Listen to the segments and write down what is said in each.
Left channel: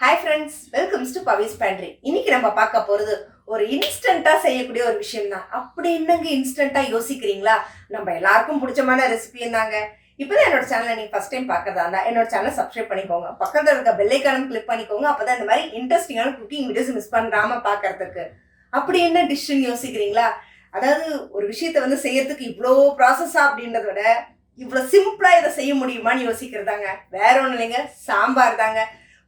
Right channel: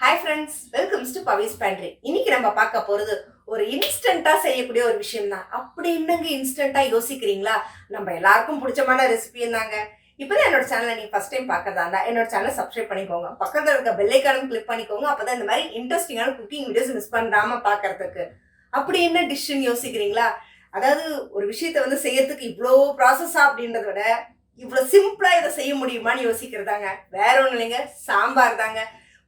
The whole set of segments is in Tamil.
Hi friends, welcomes to Pavis pantry. இன்னைக்கு நம்ம பார்க்க போகிறது ஒரு இன்ஸ்டண்ட்டாக செய்யக்கூடிய ஒரு விஷயம் தான். அப்படி என்னங்க இன்ஸ்டண்ட்டாக யோசிக்கிறீங்களா? நம்ம எல்லாருக்கும் பிடிச்சமான ரெசிபியும் தாங்க. இப்போ தான் என்னோட சேனலை நீங்கள் ஃபஸ்ட் டைம் பார்க்கறதா இருந்தால் என்னோட சேனலை சப்ஸ்கிரைப் பண்ணிக்கோங்க. பக்கத்தில் இருக்க பெல் ஐக்கானும் கிளிக் பண்ணிக்கோங்க. அப்போ தான் இந்த மாதிரி இன்ட்ரெஸ்டிங்கான குக்கிங் வீடியோஸ் மிஸ் பண்ணாமல் பார்க்கறதுக்கு. அப்படி என்ன டிஷ்ஷுன்னு யோசிக்கிறீங்களா? அதாவது ஒரு விஷயத்தை வந்து செய்யறதுக்கு இவ்வளோ ப்ராசஸா அப்படின்றத விட இவ்வளோ சிம்பிளாக இதை செய்ய முடியுமான்னு யோசிக்கிறதாங்க. வேற ஒன்றும் இல்லைங்க, சாம்பார் தாங்க.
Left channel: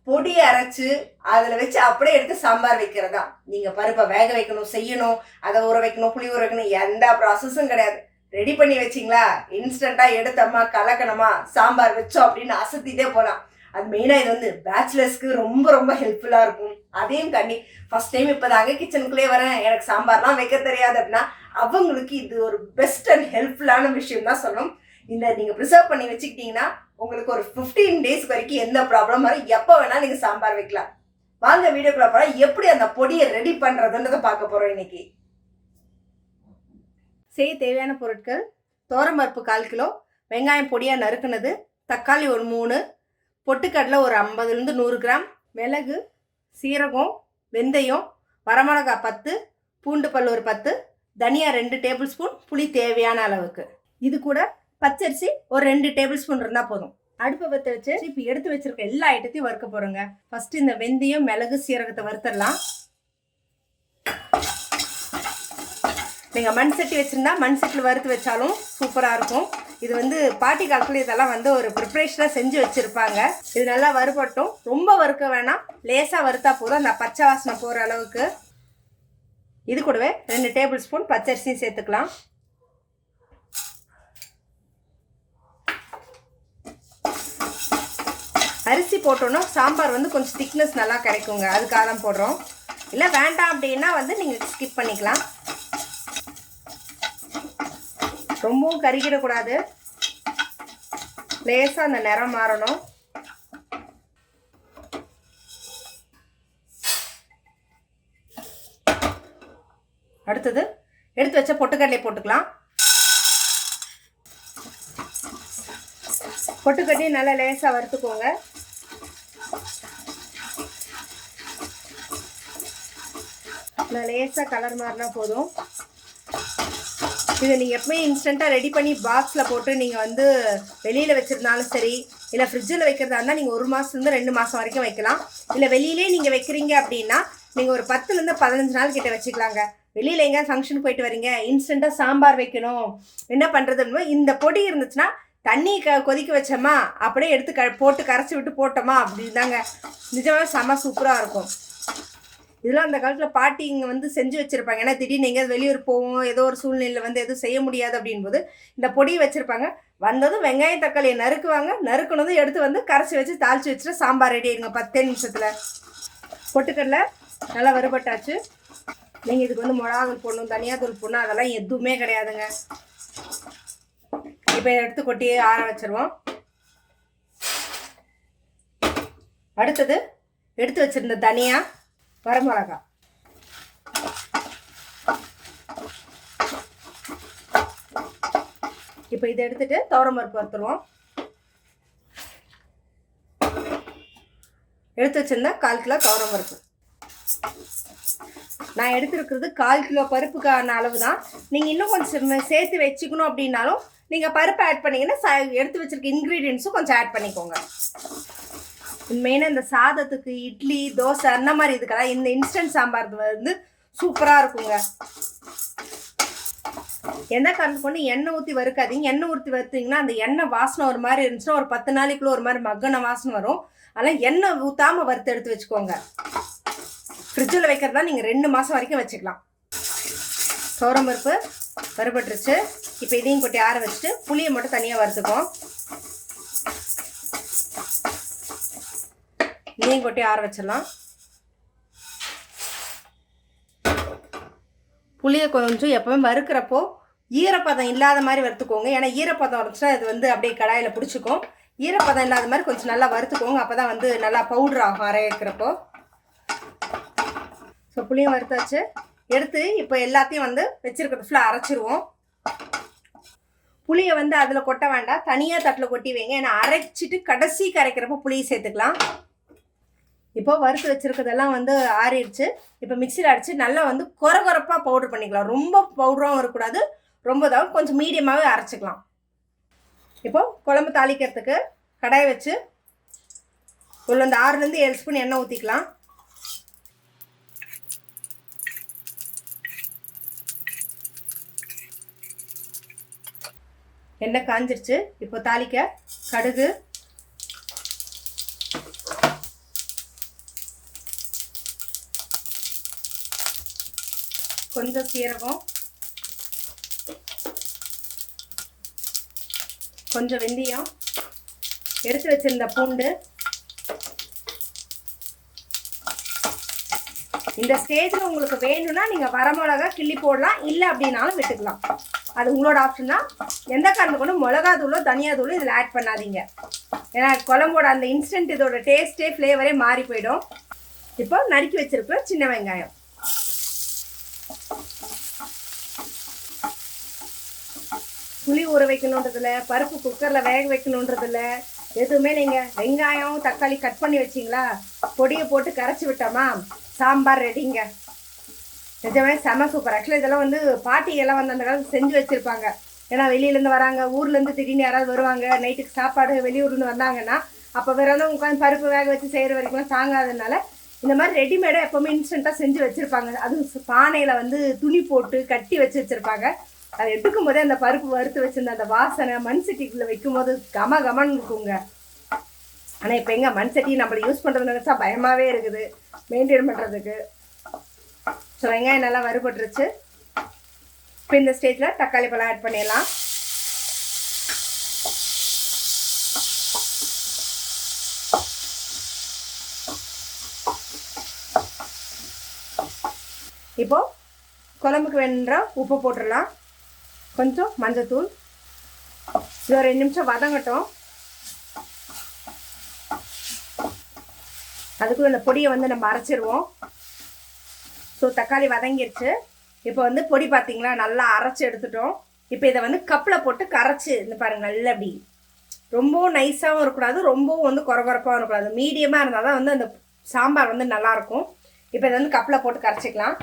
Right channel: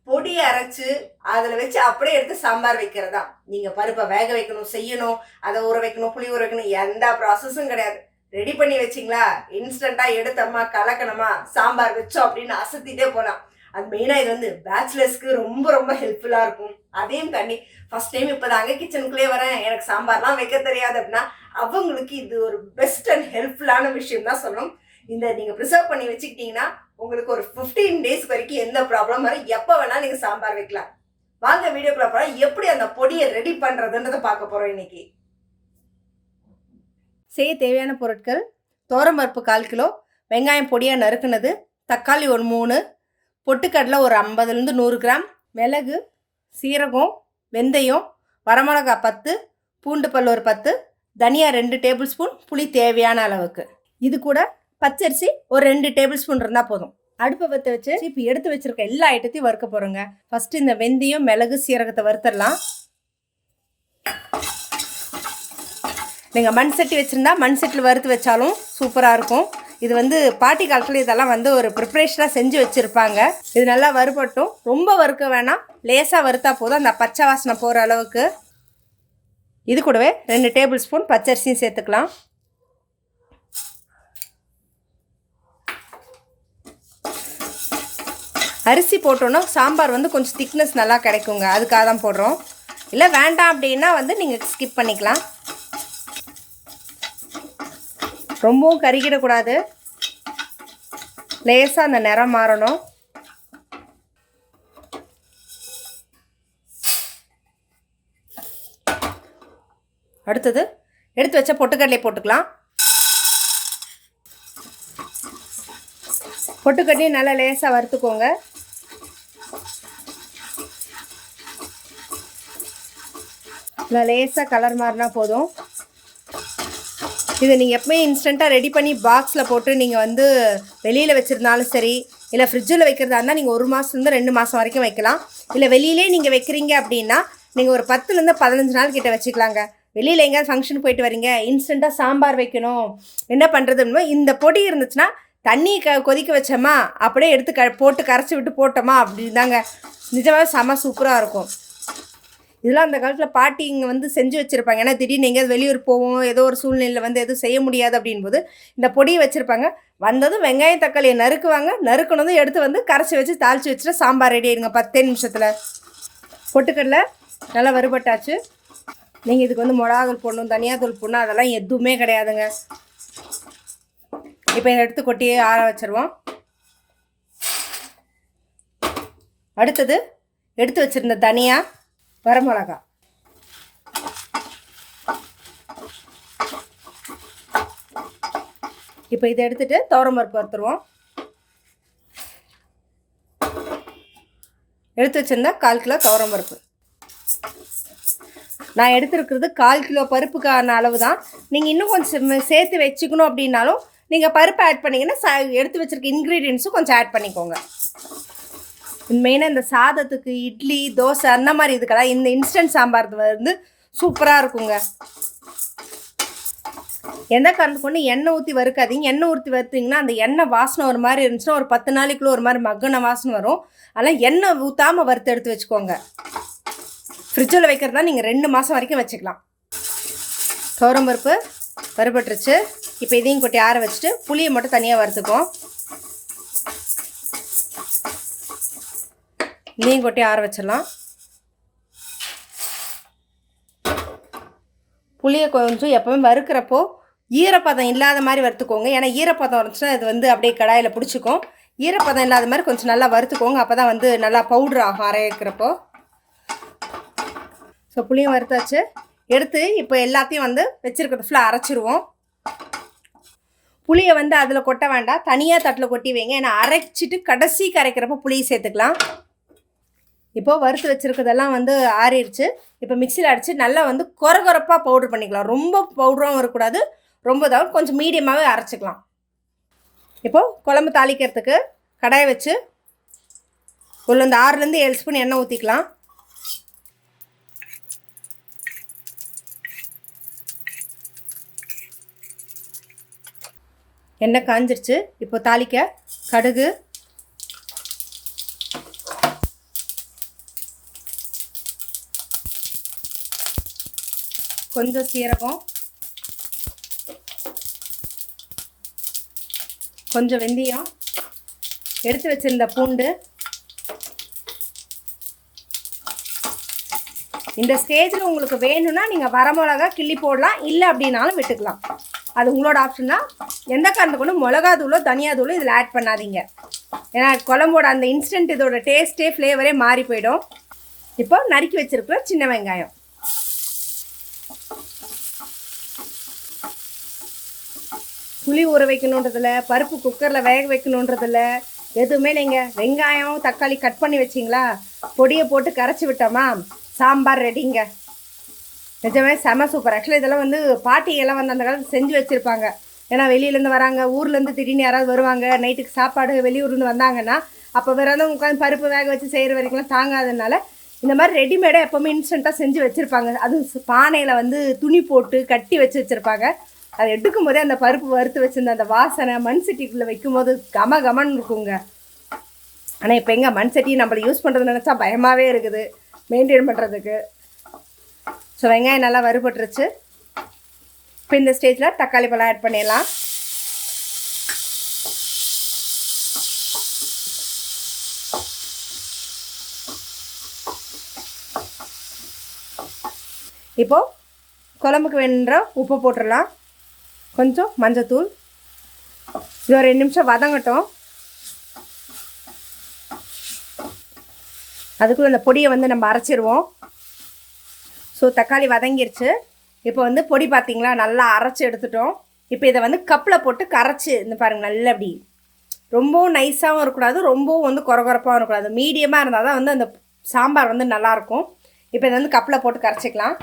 பொடியை அரைச்சு அதில் வச்சு அப்படியே எடுத்து சாம்பார் வைக்கிறதா. நீங்கள் பருப்பை வேக வைக்கணும், செய்யணும், அதை ஊற வைக்கணும், புளி ஊற வைக்கணும், எந்த ப்ராசஸும் கிடையாது. ரெடி பண்ணி வச்சிங்களா, இன்ஸ்டண்ட்டாக எடுத்தோமா கலக்கணுமா சாம்பார் வச்சோம் அப்படின்னு அசத்திட்டே போகலாம். அது மெயினாக இது வந்து பேச்சுலர்ஸ்க்கு ரொம்ப ரொம்ப ஹெல்ப்ஃபுல்லாக இருக்கும். அதையும் தாண்டி ஃபஸ்ட் டைம் இப்போ தாங்க கிச்சனுக்குள்ளே வரேன், எனக்கு சாம்பார்லாம் வைக்க தெரியாது அப்படின்னா அவங்களுக்கு இது ஒரு பெஸ்ட் அண்ட் ஹெல்ப்ஃபுல்லான விஷயம் தான் சொல்லணும். இந்த நீங்கள் ப்ரிசர்வ் பண்ணி வச்சுக்கிட்டிங்கன்னா உங்களுக்கு ஒரு 15 days வரைக்கும் எந்த ப்ராப்ளம் வரும், எப்போ வேணாலும் நீங்கள் சாம்பார் வைக்கலாம். வாங்க வீடியோக்குள்ள போகிறோம். எப்படி அந்த பொடியை ரெடி பண்ணுறதுன்றதை பார்க்க போகிறோம் இன்னைக்கு. செய்ய தேவையான பொருட்கள்: பருப்பு 1/4 கிலோ, வெங்காயம் பொடியாக நறுக்குனது, தக்காளி ஒரு 3, பொட்டுக்கடலை ஒரு 50 to 100 கிராம், மிளகு, சீரகம், வெந்தயம், வரமிளகாய் 10, பூண்டு பல் ஒரு 10, தனியா 2 டேபிள் ஸ்பூன், புளி தேவையான அளவுக்கு. இது கூட பச்சரிசி ஒரு 2 டேபிள் ஸ்பூன் இருந்தால் போதும். அடுப்பை பற்ற வச்சு இப்போ எடுத்து வச்சிருக்க எல்லா ஐட்டத்தையும் வறுக்க போகிறோங்க. ஃபஸ்ட்டு இந்த வெந்தயம், மிளகு, சீரகத்தை வறுத்துடலாம். நீங்கள் மண் சட்டி வச்சுருந்தா மண் சட்டியில் வறுத்து வச்சாலும் சூப்பராக இருக்கும். இது வந்து பாட்டி காலத்தில் இதெல்லாம் வந்து ஒரு ப்ரிப்ரேஷனாக செஞ்சு வச்சுருப்பாங்க. இது நல்லா வறுபட்டும், ரொம்ப வறுக்க வேணாம், லேசாக வறுத்தா போதும், அந்த பச்சை வாசனை போகிற அளவுக்கு. இது கூடவே 2 டேபிள் ஸ்பூன் பச்சரிசியும் சேர்த்துக்கலாம். அரிசி போட்டோன்னா சாம்பார் வந்து கொஞ்சம் திக்னஸ் நல்லா கிடைக்குங்க, அதுக்காக தான் போடுறோம். இல்லை வேண்டாம் அப்படின்னா வந்து நீங்கள் ஸ்கிப் பண்ணிக்கலாம். ரொம்பவும் கருகிடக்கூடாது, லேசாக அந்த நிறம் மாறணும். அடுத்தது எடுத்து வச்ச பொட்டுக்கடலையை போட்டுக்கலாம். பொட்டுக்கடலையும் நல்லா லேசாக வறுத்துக்கோங்க. நல்லா லேசாக கலர் மாறினா போதும். இதை நீங்கள் எப்பவுமே இன்ஸ்டண்ட்டாக ரெடி பண்ணி பாக்ஸில் போட்டு நீங்கள் வந்து வெளியில் வச்சுருந்தாலும் சரி, இல்லை ஃப்ரிட்ஜில் வைக்கிறதா இருந்தால் நீங்கள் 1 மாதத்துலேருந்து 2 மாதம் வரைக்கும் வைக்கலாம். இல்லை வெளியிலே நீங்கள் வைக்கிறீங்க அப்படின்னா நீங்கள் ஒரு 10 to 15 நாள் கிட்ட வச்சுக்கலாங்க. வெளியில் எங்கேயாவது ஃபங்க்ஷனுக்கு போயிட்டு வரீங்க, இன்ஸ்டண்ட்டாக சாம்பார் வைக்கணும், என்ன பண்ணுறதுன்னு இந்த பொடி இருந்துச்சுன்னா தண்ணி கொதிக்க வச்சோமா அப்படியே எடுத்து போட்டு கரைச்சி விட்டு போட்டோமா அப்படின்னு தாங்க நிஜமாக செம சூப்பராக இருக்கும். இதெல்லாம் அந்த காலத்தில் பாட்டிங்க வந்து செஞ்சு வச்சுருப்பாங்க. ஏன்னா திடீர்னு எங்கேயாவது வெளியூர் போவோம், ஏதோ ஒரு சூழ்நிலையில் வந்து எதுவும் செய்ய முடியாது அப்படின்போது இந்த பொடியை வச்சுருப்பாங்க. வந்ததும் வெங்காயம் தக்காளியை நறுக்குவாங்க, நறுக்கணுதும் எடுத்து வந்து கரைச்சி வச்சு தாளித்து வச்சுட்டு சாம்பார் ரெடி ஆகிடுங்க 10 நிமிஷத்தில். பொட்டுக்கடலை நல்லா வறுபட்டாச்சு. நீங்கள் இதுக்கு வந்து மிளகாத்தூள் போடணும், தனியாத்தூள் போடணும், அதெல்லாம் எதுவுமே கிடையாதுங்க. இப்போ இதை எடுத்து கொட்டியே ஆற வச்சுருவோம். அடுத்தது எடுத்து வச்சுருந்த தனியா, வரமிளகா, இப்போ இதை எடுத்துட்டு பருப்பு வறுத்துருவோம். எடுத்து வச்சிருந்தா 1/4 கிலோ பருப்பு. நான் எடுத்துருக்கிறது 1/4 கிலோ பருப்புக்கான அளவு தான். நீங்கள் இன்னும் கொஞ்சம் சேர்த்து வச்சுக்கணும் அப்படின்னாலும் நீங்கள் பருப்பு ஆட் பண்ணிங்கன்னா எடுத்து வச்சுருக்க இன்க்ரீடியன்ஸும் கொஞ்சம் ஆட் பண்ணிக்கோங்க. மெயினாக இந்த சாதத்துக்கு, இட்லி, தோசை அந்த மாதிரி இதுக்கெல்லாம் இந்த இன்ஸ்டன்ட் சாம்பார் வந்து சூப்பராக இருக்குங்க. எந்த காரணத்துக்கு கொண்டு எண்ணெய் ஊற்றி வறுக்காதீங்க. எண்ணெய் ஊற்றி வறுத்திங்கன்னா அந்த எண்ணெய் வாசனை ஒரு மாதிரி இருந்துச்சுன்னா ஒரு 10 நாளைக்குள்ள ஒரு மாதிரி மగ్గன வாசனை வரும். அதனால் எண்ணெய் ஊற்றாமல் வறுத்து எடுத்து வச்சுக்கோங்க. ஃப்ரிட்ஜில் வைக்கிறதா நீங்கள் 2 மாதம் வரைக்கும் வச்சுக்கலாம். பருப்பு வறுபட்டுருச்சு. இப்போ இதையும் கொட்டி ஆற வச்சுட்டு புளியை மட்டும் தனியாக வறுத்துக்குவோம். இதையும் கொட்டி ஆற வச்சிடலாம். புளியை கொஞ்சம் எப்போவும் வறுக்கிறப்போ ஈரப்பதம் இல்லாத மாதிரி வறுத்துக்கோங்க. ஏன்னா ஈரப்பதம் இருந்துச்சுன்னா இது வந்து அப்படியே கடாயில் பிடிச்சிக்கும். ஈரப்பதம் இல்லாத மாதிரி கொஞ்சம் நல்லா வறுத்துக்கோங்க, அப்போ தான் வந்து நல்லா பவுட்ரு ஆகும் அரைய வைக்கிறப்போ. ஸோ புளியும் வறுத்தாச்சு. எடுத்து இப்போ எல்லாத்தையும் வந்து வச்சுருக்கிறது ஃபுல்லாக அரைச்சிருவோம். புளியை வந்து அதில் கொட்ட வேண்டாம், தனியாக தட்டில் கொட்டி வைங்க. ஏன்னா அரைச்சிட்டு கடைசி கரைக்கிறப்போ புளியை சேர்த்துக்கலாம். இப்போது வறுத்து வச்சுருக்கிறதெல்லாம் வந்து ஆறிடுச்சு. இப்போ மிக்சியில் அடித்து நல்லா வந்து கொரகொரப்பாக பவுடர் பண்ணிக்கலாம். ரொம்ப பவுடரும் இருக்கக்கூடாது, ரொம்ப இதாகவும் கொஞ்சம் மீடியமாகவே அரைச்சிக்கலாம். இப்போது குழம்பு தாளிக்கிறதுக்கு கடாயை வச்சு உள்ள இந்த 6லேருந்து 7 ஸ்பூன் எண்ணெய் ஊற்றிக்கலாம். எண்ணெய் காஞ்சிருச்சு. இப்போ தாளிக்க கடுகு, கொஞ்சம் சீரகம், கொஞ்சம் வெந்தயம், எடுத்து வச்சிருந்த பூண்டு. இந்த ஸ்டேஜில் உங்களுக்கு வேணும்னா நீங்கள் வரமிளகா கிள்ளி போடலாம், இல்லை அப்படின்னாலும் விட்டுக்கலாம். அது உங்களோட ஆப்ஷன் தான். எந்த காரணத்துக்கு மிளகா தூளோ தனியா தூளோ இதில் ஆட் பண்ணாதீங்க. ஏன்னா குழம்போட அந்த இன்ஸ்டன்ட் இதோட டேஸ்ட்டே ஃப்ளேவரே மாறி போயிடும். இப்போ நறுக்கி வச்சிருக்கிற சின்ன வெங்காயம், புளி ஊற வைக்கணுன்றதில்ல, பருப்பு குக்கரில் வேக வைக்கணுன்றதில்ல, எதுவுமே நீங்கள் வெங்காயம் தக்காளி கட் பண்ணி வச்சிங்களா, பொடியை போட்டு கரைச்சி விட்டோமா, சாம்பார் ரெடிங்க. நிஜமே செம சூப்பர். ஆக்சுவலாக இதெல்லாம் வந்து பாட்டியெல்லாம் வந்து அந்த காலத்தில் செஞ்சு வச்சுருப்பாங்க. ஏன்னா வெளியிலேருந்து வராங்க, ஊர்லேருந்து திடீர்னு யாராவது வருவாங்க, நைட்டுக்கு சாப்பாடு வெளியூர்லேருந்து வந்தாங்கன்னா அப்போ வேறு வந்து உட்காந்து பருப்பு வேக வச்சு செய்கிற வரைக்கும்லாம் தாங்காததுனால இந்த மாதிரி ரெடிமேடாக எப்போவுமே இன்ஸ்டண்ட்டாக செஞ்சு வச்சுருப்பாங்க. அதுவும் பானையில் வந்து துணி போட்டு கட்டி வச்சுருப்பாங்க. அதை எடுக்கும் போதே அந்த பருப்பு வறுத்து வச்சுருந்த அந்த வாசனை மண் சட்டிக்குள்ளே வைக்கும் போது கமன்னு இருக்குங்க. ஆனால் இப்போ எங்கே மண் சட்டி நம்மளை யூஸ் பண்ணுறது நினச்சா பயமாகவே இருக்குது மெயின்டைன் பண்ணுறதுக்கு. ஸோ வெங்காயம் நல்லா வறுபட்டுருச்சு. இப்போ இந்த ஸ்டேஜில் தக்காளி பழம் ஆட் பண்ணிடலாம். இப்போது குழம்புக்கு வேணுன்ற உப்பு போட்டுடலாம், கொஞ்சம் மஞ்சத்தூள். இது ஒரு 2 நிமிஷம் வதங்கட்டும். அதுக்குள்ளே இந்த பொடியை வந்து நம்ம அரைச்சிருவோம். ஸோ தக்காளி வதங்கிருச்சு. இப்போ வந்து பொடி பார்த்திங்களா நல்லா அரைச்சி எடுத்துட்டோம். இப்போ இதை வந்து கப்பில் போட்டு கரைச்சி இந்த பாருங்கள், நல்ல அப்படி ரொம்பவும் நைஸாகவும் இருக்கக்கூடாது, ரொம்பவும் வந்து கொரகொரப்பாகவும் இருக்கக்கூடாது, மீடியமாக இருந்தால் தான் வந்து அந்த சாம்பார் வந்து நல்லாயிருக்கும். இப்போ இதை வந்து கப்பில் போட்டு கரைச்சிக்கலாம்.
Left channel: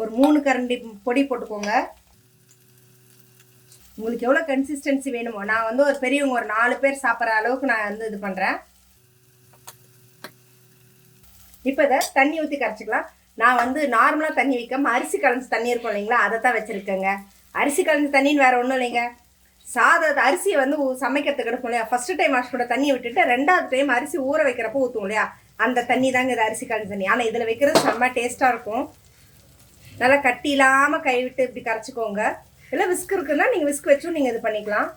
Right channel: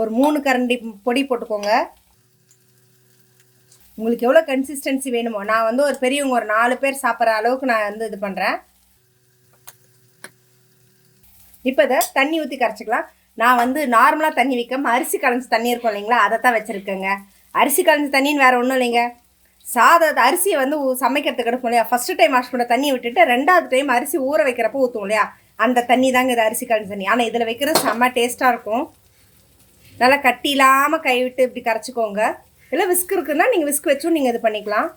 ஒரு 3 கரண்டி பொடி போட்டுக்கோங்க. உங்களுக்கு எவ்வளோ கன்சிஸ்டன்சி வேணுமோ, நான் வந்து ஒரு பெரியவங்க ஒரு 4 பேர் சாப்பிட்ற அளவுக்கு நான் வந்து இது பண்ணுறேன். இப்போ இதை தண்ணி ஊற்றி கரைச்சிக்கலாம். நான் வந்து நார்மலாக தண்ணி வைக்காமல் அரிசி களைஞ்சி தண்ணி இருக்கும் இல்லைங்களா, அதை தான் வச்சுருக்கேங்க. அரிசி களைஞ்சி தண்ணின்னு வேறு ஒன்றும் இல்லைங்க. அரிசியை வந்து சமைக்கிறதுக்கு எடுக்கும் இல்லையா, ஃபஸ்ட்டு டைம் வாஷ் பண்ண தண்ணியை விட்டுட்டு 2வது டைம் அரிசி ஊற வைக்கிறப்போ ஊற்றும் இல்லையா, அந்த தண்ணி தாங்க இது அரிசி களைஞ்சி தண்ணி. ஆனால் இதில் வைக்கிறது செம்ம டேஸ்ட்டாக இருக்கும். நல்லா கட்டி இல்லாமல் கை விட்டு இப்படி கரைச்சிக்கோங்க. இல்லை விஸ்க் இருக்குன்னா நீங்கள் விஸ்க் வச்சும் நீங்கள் இது பண்ணிக்கலாம்.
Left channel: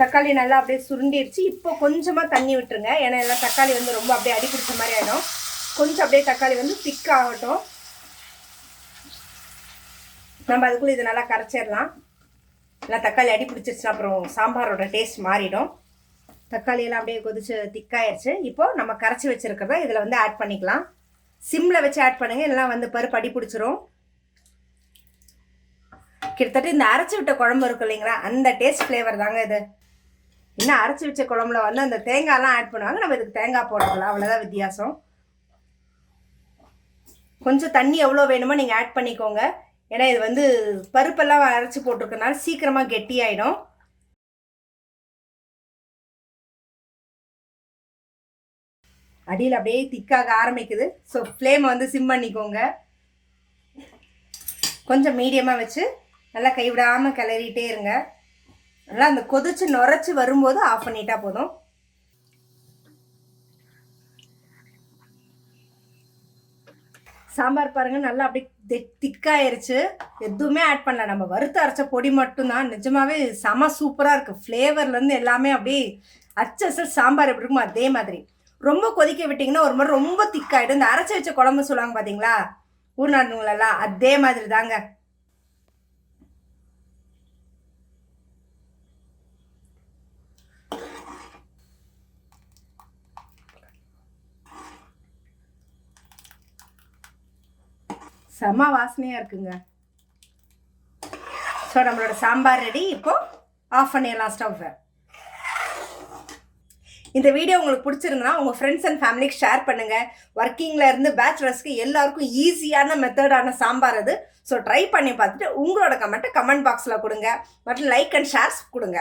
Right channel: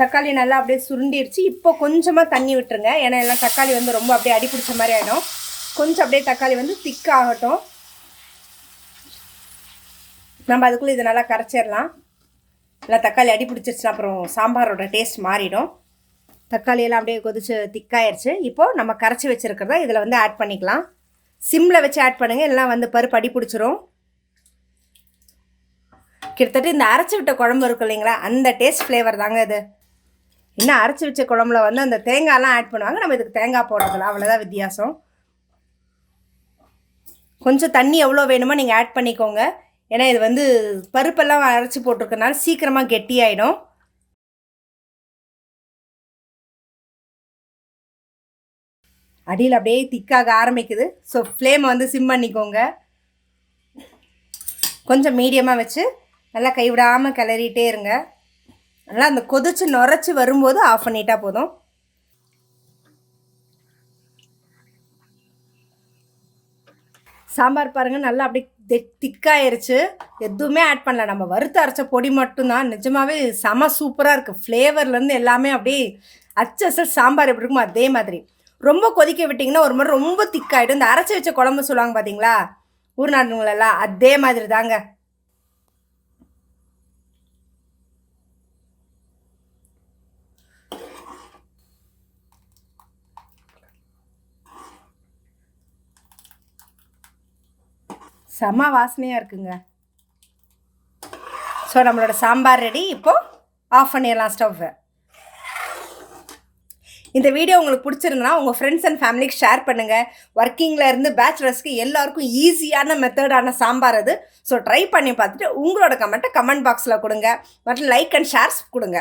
தக்காளி நல்லா அப்படியே சுருண்டிடுச்சு. இப்போ கொஞ்சமாக தண்ணி விட்டுருங்க, ஏன்னா எல்லாம் தக்காளி வந்து ரொம்ப அப்படியே அடி பிடிச்ச மாதிரி ஆகிடும். கொஞ்சம் அப்படியே தக்காளி வந்து திக் ஆகட்டும். நம்ம அதுக்குள்ளே இதை நல்லா கரைச்சிடலாம். இல்லை தக்காளி அடி பிடிச்சிருச்சுன்னா அப்புறம் சாம்பாரோட டேஸ்ட் மாறிடும். தக்காளியெல்லாம் அப்படியே கொதிச்சு திக்காயிருச்சு. இப்போது நம்ம கரைச்சி வச்சுருக்கிறத இதில் வந்து ஆட் பண்ணிக்கலாம். சிம்மில் வச்சு ஆட் பண்ணுங்கள், இல்லைனா வந்து பருப்பு அடி பிடிச்சிரும். கிட்டத்தட்ட இந்த அரைச்சி விட்ட குழம்பு இருக்கும் இல்லைங்களா, அந்த டேஸ்ட் ஃப்ளேவர் தாங்க இது. இன்னும் அரைச்சி வச்ச குழம்புல வந்து அந்த தேங்காய்லாம் ஆட் பண்ணுவாங்க, நம்ம இதுக்கு தேங்காய் போடுறதில்ல, அவ்வளோதான் வித்தியாசம். கொஞ்சம் தண்ணி எவ்வளோ வேணுமோ நீங்கள் ஆட் பண்ணிக்கோங்க. ஏன்னா இது வந்து பருப்பெல்லாம் அரைச்சி போட்டிருக்கனால சீக்கிரமாக கெட்டியாயிடும். அடியில் அப்படியே திக்காக ஆரம்பிக்குது. ஸோ ஃப்ளேமை வந்து சிம் பண்ணிக்கோங்க. கொஞ்சம் மீடியமாக வச்சு நல்லா கைவிடாமல் கிளறிட்டே இருங்க. நல்லா அந்த கொதிச்சு நுரைச்சி வரும்போது ஆஃப் பண்ணிட்டா போதும். சாம்பார் பாருங்கள் நல்லா அப்படியே திக்காயிருச்சு. எதுவுமே ஆட் பண்ணல, நம்ம வறுத்து அரைச்ச பொடி மட்டும்தான். நிஜமாவே செம சூப்பராக இருக்குது. ஃப்ளேவர்லேருந்து எல்லாமே அப்படியே அச்சசல் சாம்பார் எப்படி இருக்குமோ அதே மாதிரி. ரொம்ப கொதிக்க விட்டிங்கன்னா ஒரு மாதிரி ரொம்ப திக்காயிடும். இந்த அரைச்சி வச்ச குழம்பு சொல்லுவாங்க பார்த்தீங்களா ஊர்நாடுங்களெல்லாம், அதே மாதிரி தாங்க. செம வாசனையாக இருக்குங்க. ஸோ நம்மளோட சாம்பார் ரெடி. இப்போது ஆஃப் பண்ணிடலாம் ஸ்டவ்வை. இந்த வீடியோ உங்களுக்கு பிடிச்சிருந்தா உங்கள் ஃப்ரெண்ட்ஸ் அண்ட் ஃபேமிலிக்கு ஷேர் பண்ணுங்கள். ஒர்க்கிங்கில் இருந்து பேச்சுலர்ஸ்க்கு எல்லாருக்கும் ஈஸியான மெத்தடான சாம்பார் அது. ஸோ ட்ரை பண்ணி பார்த்துட்டு உங்களோட கமெண்ட்டை கமெண்ட் பாக்ஸில் கொடுங்க. மற்றும் லைக் அண்ட் ஷேர்ஸ் கொடுங்க.